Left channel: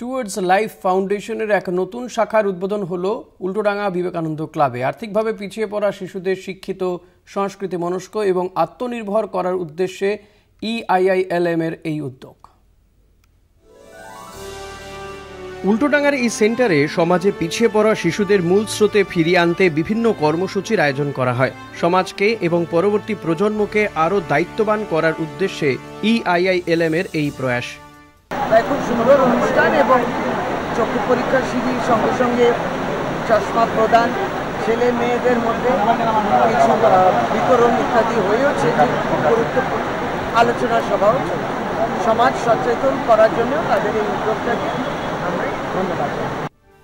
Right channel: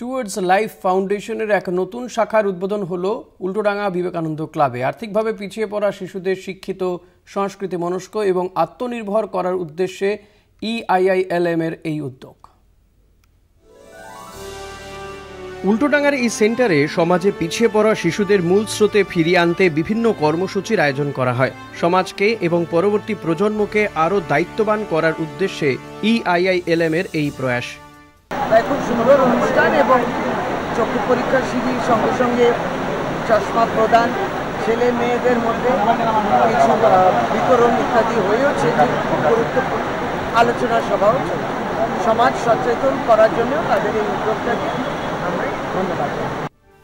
Towards life ফাউন্ডেশনের এক নতুন শাখার উদ্বোধন হলো উল্টোডাঙ্গা বিবেকানন্দ ক্লাবে। আর্থিকভাবে পিছিয়ে পড়া শিশুদের শিক্ষিত, সংস্কৃতি মনস্ক এবং আত্মনির্ভর করার উদ্দেশ্যে EIILM এর এই উদ্যোগ। উল্টোডাঙ্গার এই সেন্টারে সমাজে পিছিয়ে পড়া শিশুদের মূল স্রোতে ফিরিয়ে আনতে বিভিন্ন কর্মসূচির আয়োজন করা হয়। সমাজকে এবং পরবর্তী প্রজন্মকে আরও দায়িত্ববান করার উদ্দেশ্যে EIILM এর এই প্রয়াস। খুব সুন্দর অনুষ্ঠান এবং চক্ষু পরীক্ষা শিবির সঙ্গে সঙ্গে চশমা প্রদান, ছেলে মেয়েদের মধ্যে কিছু বিতরণ ইত্যাদি হয়েছে। গুরুত্বপূর্ণ আলোচনা সভা, সমাজ সচেতন করার জন্য তাদের এই উদ্যোগটাকে আমরা ধন্যবাদ।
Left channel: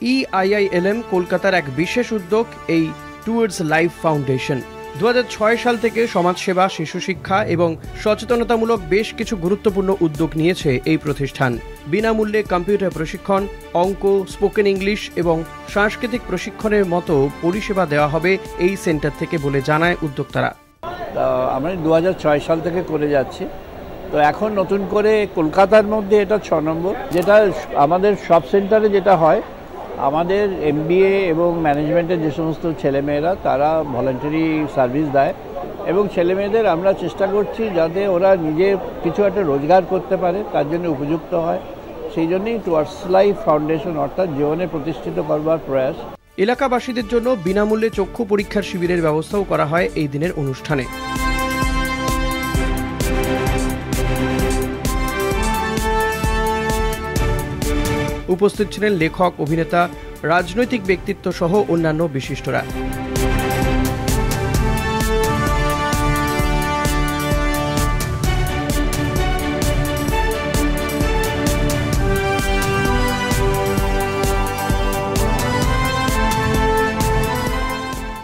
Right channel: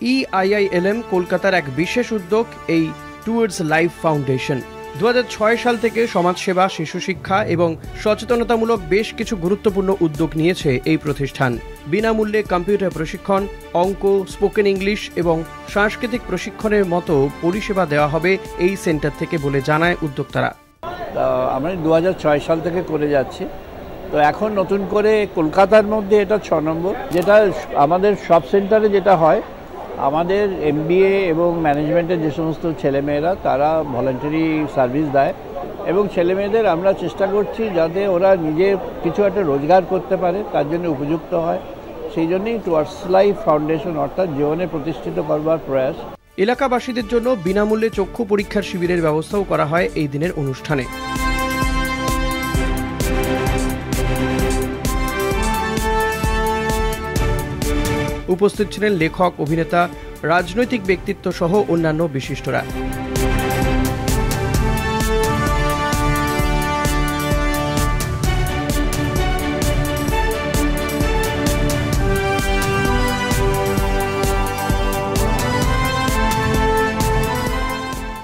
EIILM কলকাতার এক বিশেষ উদ্যোগ এই টুয়ার্ডস লাইফ ফাউন্ডেশন। 2006 সাল থেকে সমাজসেবা, শিশু শিক্ষা এবং সচেতনতামূলক বেশ কিছু গুরুত্বপূর্ণ উদ্যোগ নিয়েছে এই প্রতিষ্ঠান। বিনামূল্যে কম্পিউটার প্রশিক্ষণ, অঙ্ক, স্পোকেন ইংলিশ এবং সাংস্কৃতিক প্রশিক্ষণের মতো পরিষেবা দেওয়া হবে এই সেন্টার থেকে বলে জানায় উদ্যোক্তারা। আমরা 2006 সাল থেকে করে যাচ্ছি। তো এখন নতুন করে কলকাতার মধ্যে এটা 6 নম্বর, যেটা আমাদের সব সেন্টারে যেটা হয়, আমাদের MBA এবং ম্যানেজমেন্টের যে সমস্ত ছেলেমেয়েরা তারা ভলান্টারি সার্ভিস দেয় এবং ছেলেমেয়েদের আমরা চেষ্টা করছি যাতে ওরা নিজে কিছু একটা রোজগার করতে পারে, তার জন্য উপযুক্ত হয়। সেই জন্যই টুয়ার্ডস লাইফ ফাউন্ডেশন অর্থাৎ জীবনে প্রতিষ্ঠিত করবার প্রয়াস। এলাকাবাসীদের জন্য বিনামূল্যে চক্ষু পরীক্ষার শিবিরের ব্যবস্থাও করা হয় এই দিনের অনুষ্ঠানে। উপস্থিত ছিলেন লেখক, অভিনেতা, রাজনৈতিক ব্যক্তিত্ব সহ অন্যান্য বিশিষ্টরা।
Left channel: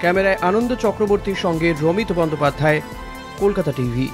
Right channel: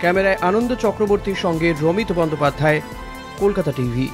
ক্যামেরায় আনন্দ চক্রবর্তীর সঙ্গে রমিত বন্দ্যোপাধ্যায়, কলকাতা টিভি।